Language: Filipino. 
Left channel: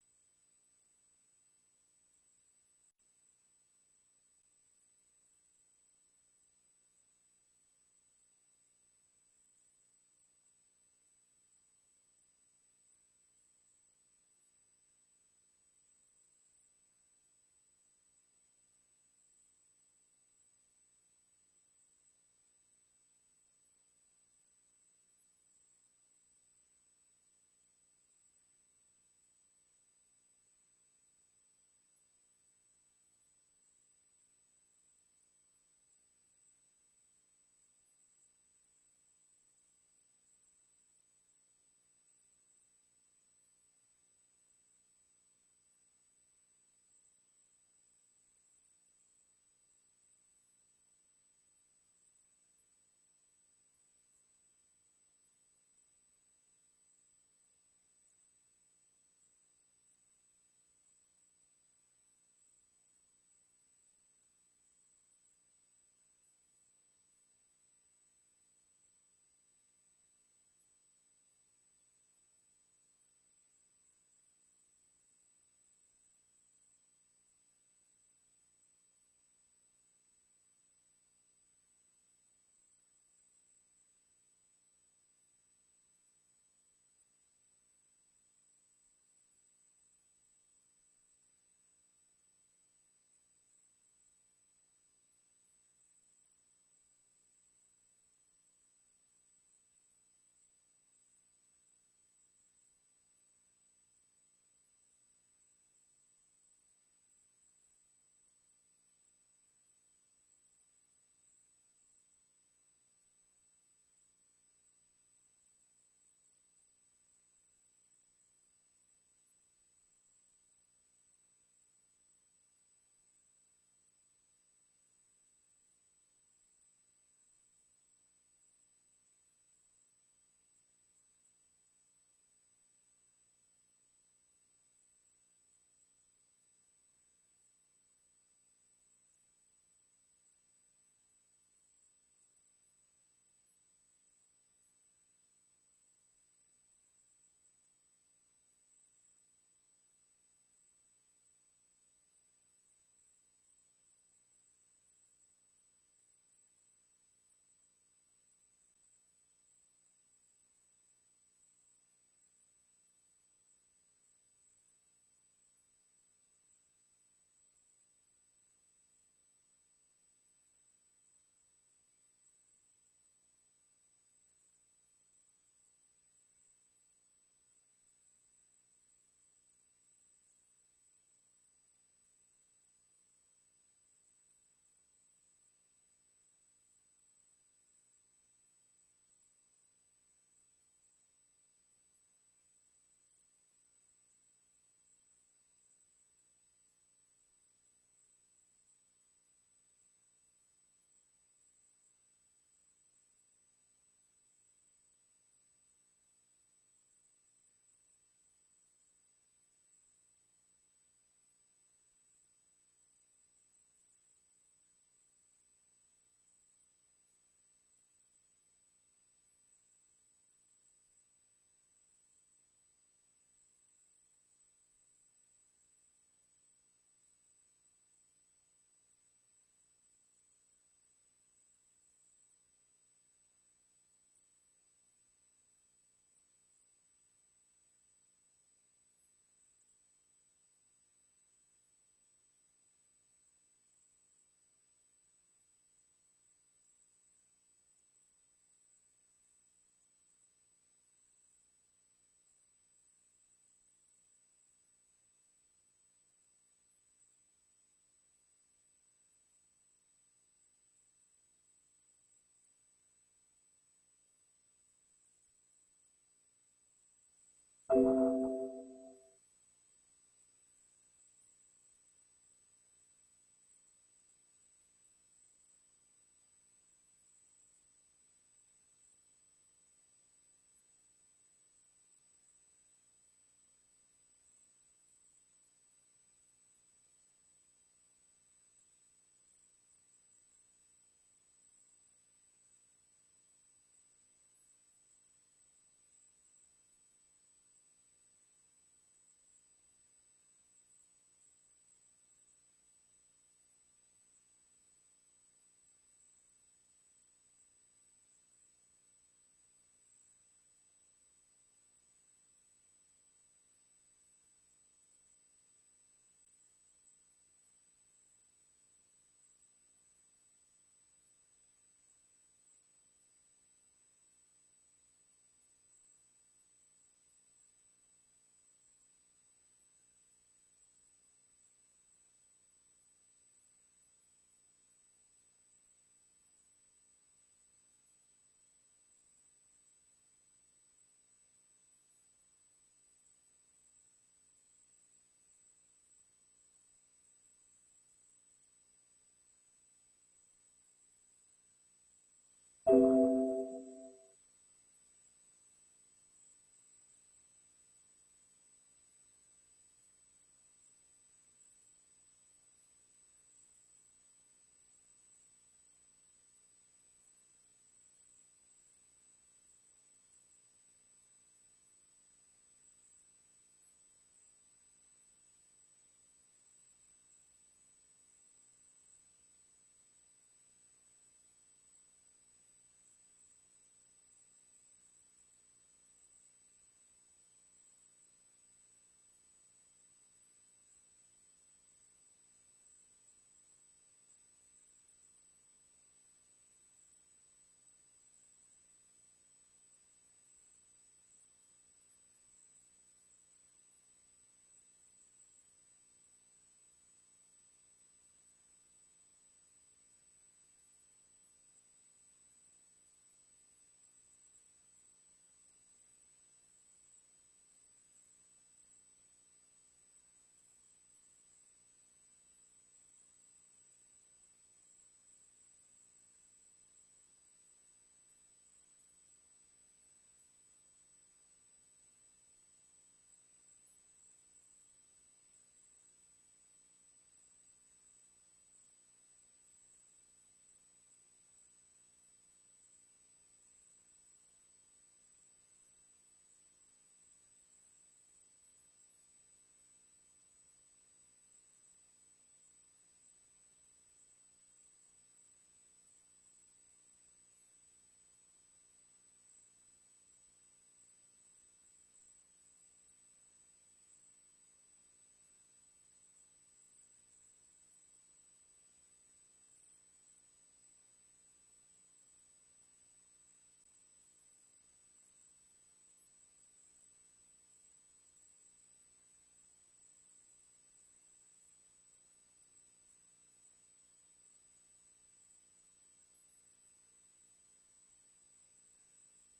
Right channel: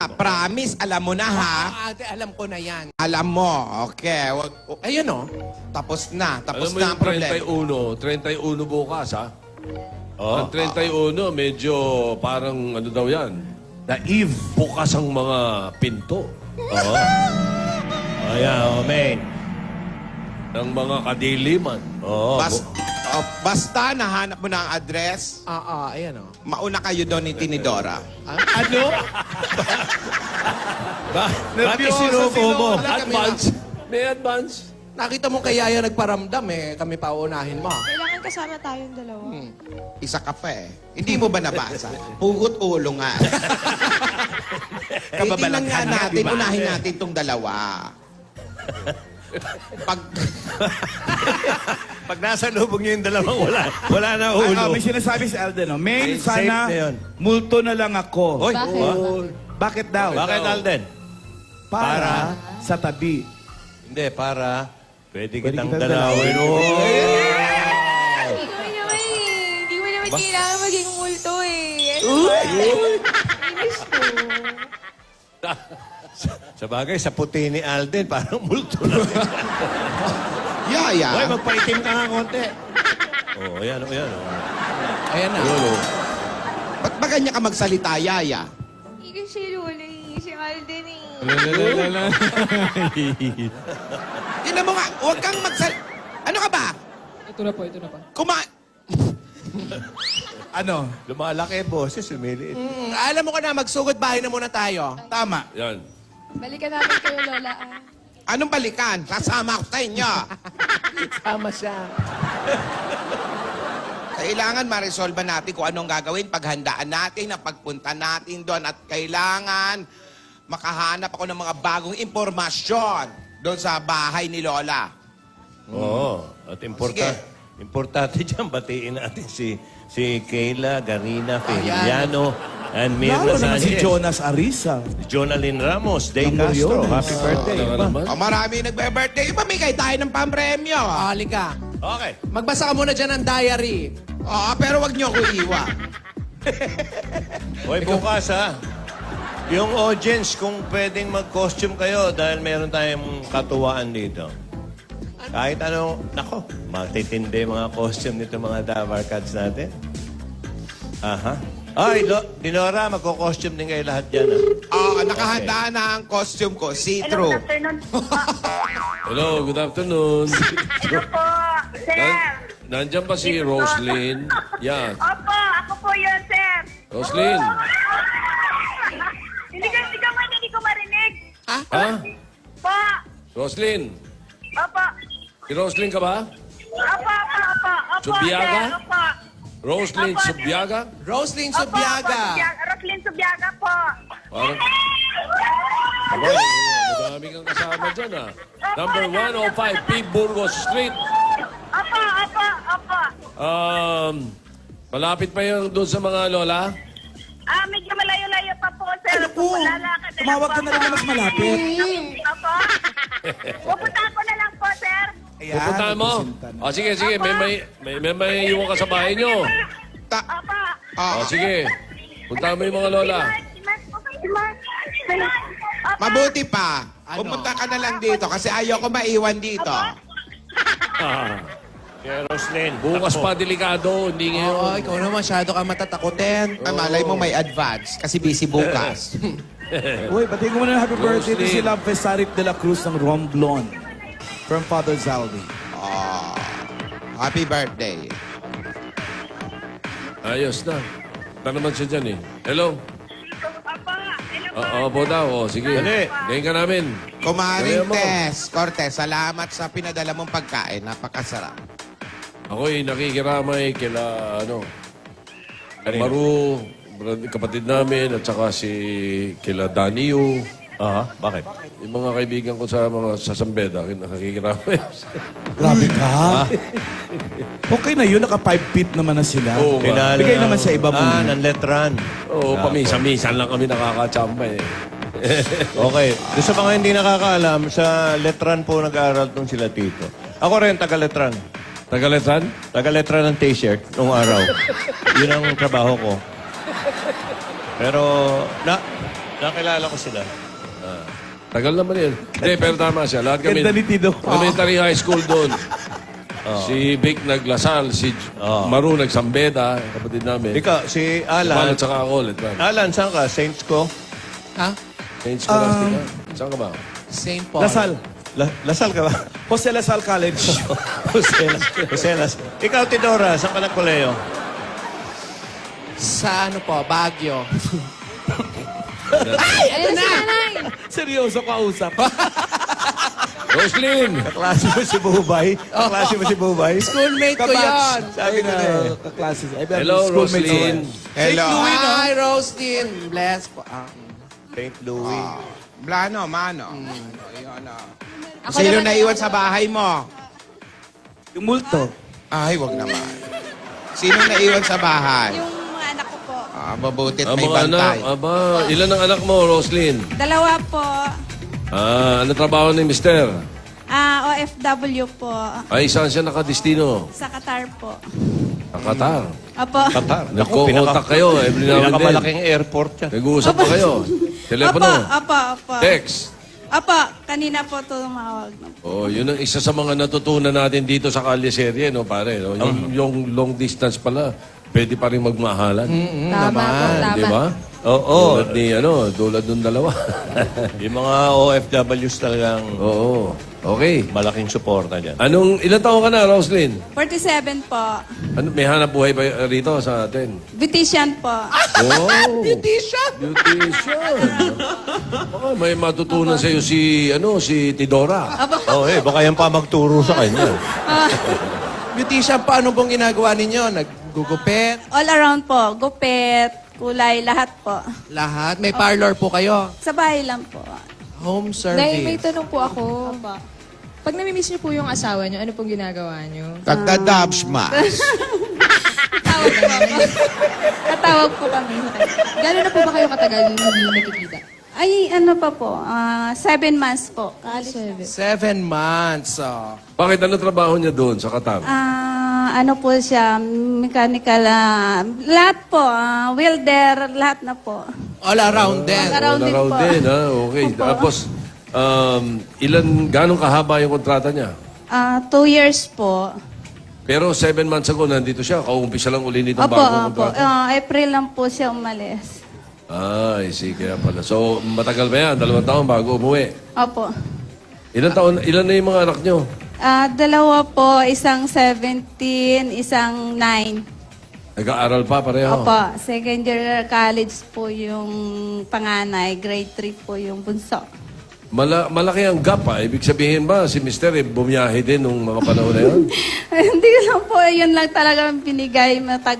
Promise, alam mo na ha. Ate, alam ko na yan. Alam mo, okay. Ayun o. Tapos na Alam mo ang yung problema. 31 bukas, ha? Oh, Ang 31, medyo parang ano daw yan. naive. Bukas ang mga pinto Oo. Ayan, oh, main. ng mga kadiliman. Oo. Basta nahanap mo na ang address, Ayan o. mauna kayo doon ni Tinidora. Ano? Bakit sinuko mo? Advance. May advance. Nakita mo kay Yaya nagparamdam eh. Kami pa uunahin mo. Kailangan kasama tayong dalawa. Isa ka pa eh. Hindi mo ba nabasa? Hugot ulo nga. Kababalaghan nga natin, unahin natin itong dalawa. Pag nasa lubog niyo yung dalawang wala na ulo. May sinasabi si Alden, no? Main, Safe sana na yun. multo na lang ako. Oy, Bakit daw? bakit Alden? Para sa tabi. Hindi, para pwede kitang kitang dalawin. Hindi mo naman eh. Hindi mo naman kailangan maging multo eh. Inis ko. Sa bagay, sa puti ni Alden, parang multo na. Yaya. Hoy, magpaitim ka nga konti. Oo, ayan, ayan. Ayan na. Ba't ba ganyan ka magsalita, Yaya? Hindi kasi Lola eh. Si Alden eh. Tingnan mo nga, huwag kang Ano ka ba? Ito na po, ito na po. Ano? Lumalaki, boses, lumiliit. Alam mo ka na, magsugod bahay na muna tayo. Tama. Yan. Balikan natin kayo, Lola. Anong balikan? Kasama ako sa inyo. Tama siya. Kailangan ma-resolve natin kung anong gagawin, paghandaan natin, ang pagpunta natin doon, at kailangan makahanap ako ng mga bagong impormasyon doon sa bahay ni Lola. Oo. At importante dyan, batiin natin si Kayla, Garina, Feliano, and Mirna Lalo naman si Sanchez. Jonas Arisa. Jonalyn Ramos, Day Ng Castro. Moriones. Happy birthday. Ano Iba? naman? O marami nagbe-birthday, ipamigay tayo ng pampremyo. Halika. Okay. Magbasa ka muna dyan ng diary. Oo, pero wag niyo ko iwa. Hoy, bukas ha. Yung audience, kung pwedeng mag-costume kayo dahil meron tayong katuwaan dito. Kahit ano, nako, matitindi mga costume nito mga Davar Cats natin. Aha. Ay, Dinora, magko-costume din kayo lahat dyan. Oo, nakahanda na ang costume ko, see-through. Hello, good afternoon. Hello po, sir. Nandiyan pa si Roslyn. Yan. Opo, ako po yun, sir. Roslyn. Hindi ko marinig. Ha? Po. Roslyn. Opo. Si Roslyn ka ba? Opo. Subiaga? Sir, opo. Roslyn Opo, Subiaga? Roslyn Opo, Subiaga. Roslyn Subiaga po. Parang... Abay, madami kang kasama dyan, ha? Number 105, P. Burgos Street. Opo. Malapit pa yung doon sa mga lola? Medyo malayo-layo pa po, sir. Ano po? Lalakad na Tumawag lang ka na lang na mas malapit. Opo. Pupunta ko na lang po, sir. Ayan, Pupuntahan mo? nagsisinta na. Sige. May iwan ka sa bahay nyo. Opo. Sige. Puntahan mo yung mga lola. Mabuti pa, Ano? pumunta ka na lang dito kasi ayoko maiwan dito. Kaya Roslyn, Bukas ako. pa delikado, hindi Oo, ngayon. ikaw na masyado ka matatakutin. Malay mo may advance kasi busy bukas. Uy, batiin ko muna ng happy birthday to Roslyn. si Love Fesarip de la Cruz ng Romblon. From Father Zaldi. Happy birthday. Ayos na. Ito naman siya dyan eh. Hello? Opo. Opo daw. Sige. Dali. Ngayon ka namin. Kumaring Kaya mo. Cortez, salamat sa pinadala mong pagkain. Napakasarap. Ako'y nakikiramay kila, Maru, kapatid namin, at saka si kila Danio. Aha, bakit? Yung mga kaibigan ko sa San Beda, nakikiramay. Grabe ka. Okay na yun, naka 5 feet naman na sila. Oo nga. Bigay naman sa iba muna. ng letran. Oo, pamisa-misan lang kami nakakachamba eh. Okay. Doon sa mga hindi nakakaalam, sa letran po nag-aaral tong sila Tito. Ako rin, taga-letran. Tagaletan? Taga-letran ng t-shirt nung araw. Yun ang trabaho ko. Pero, Nakilala ko sila. Tagal naman yun. Hindi, pero tama siya. Lahat kami, Ganda ni Tino. elementary high school doon. Si Vic naglasal, si Maru nagsambeda, kapatid namin. Ikaw, si Alan. Alan. At saka ako ulit. man. Alan, saan ka? Saints ko? Ha? Saint Scholastica. Saan ka ba? St. Paul. Lasal. Lasal ka ba? Jose Lasal College. Jose Lasal. Ikaw, Tidora, saan ka nagkoleo? Sa ano po, Baguio. Ayun si nanay. Seryoso ka usap. Roslyn! Kaklase mo si Bubay? Kaklase mo si Bubay? Schoolmate ko yan. Sabi ko na eh. Kaklase. Hello, Roslyn. Hello. Hi, Roastin. Bless po. St. Louis. Blano, mano. Ayun, Ako Sino naman naiwan sa bahay mo? Yung multo. Ay, wag naman. Sino naiwan sa bahay? Yung mga anak ko po. Mabutit Ang may mga anak, bantay. aba, ilan ang anak mo, Roslyn? Dalawa po. Ano trabaho ni Mister? OFW po. Ay, saan siya nakadistino? Sa Qatar po. Sa Qatar. Opo. Qatar. Nagko-contact kayo every now and then. Pinakamalaking airport yan. Nag-uusap pa kayo. Telepono. Opo. Text. Opo. Kanina po tumawag na po. Oh, yun ang isa sa mga natutunan natin dito sa Kalyeserye, no, pare. No? Yung long distance pala, pwede pa rin magmahalan. Tama po, tama. Di ba? Oo. Tulad ni, tulad nung dalawa. Yung mga OFWs talagang Oo. Okay. malaking suporta dyan. Ilan taon ka na, Roslyn? 47 po. May hanap buhay ba rito sa atin? Beautician po. Oh, beautician. Beautician. Baka may matutunan sa iyo si Tidora. Oh, baka yan pa magturo sa kanya. Beautician, paano pong ginagawa ninyo? Naggugupit? All around po. Gupit, kulay, lahat po. Lahat? May parlor po kayo? Sa bahay lang po. Home Nay, may service? tanong po ako. Opo. Pag namimiss niyo po yung asawa niyo, ano pong ginagawa niyo? Tagda-dabsmas. Tatawag po ako. Tatawag po kami. Gano'n na po ba kayo katagal hindi nakikita? Ay, ano pa po? 7 months po. Kaalis. 7. 7 months. Bakit ano trabaho niya doon sa Qatar? Ano po siya, mechanical, lahat po, welder, lahat na po. All around din. All around din Around po. din, ha? Okay. Tapos, ganong kahaba yung kontrata niya? 2 years po. Pero 7 months ago, nandito siya. Kauumpisa lang uli nitong Opo, bagong opo. kontrata. April lang po siya umalis. Ay, sige kaya pala. So, matagal ba yan? 2 taon bago umuwi. Opo. Ilan na yung mga anak niyo? Dalawa po, isang 17, isang 9. Nag-aaral pa pareho? Opo, second year college po yung panganay, grade 3 po yung bunso. Malaki ang gap, ha? Ibig sabihin ba, si Mister, bumiyahe din nung mga panahon na yun? Hindi lang po, yun lang talaga ang binigay,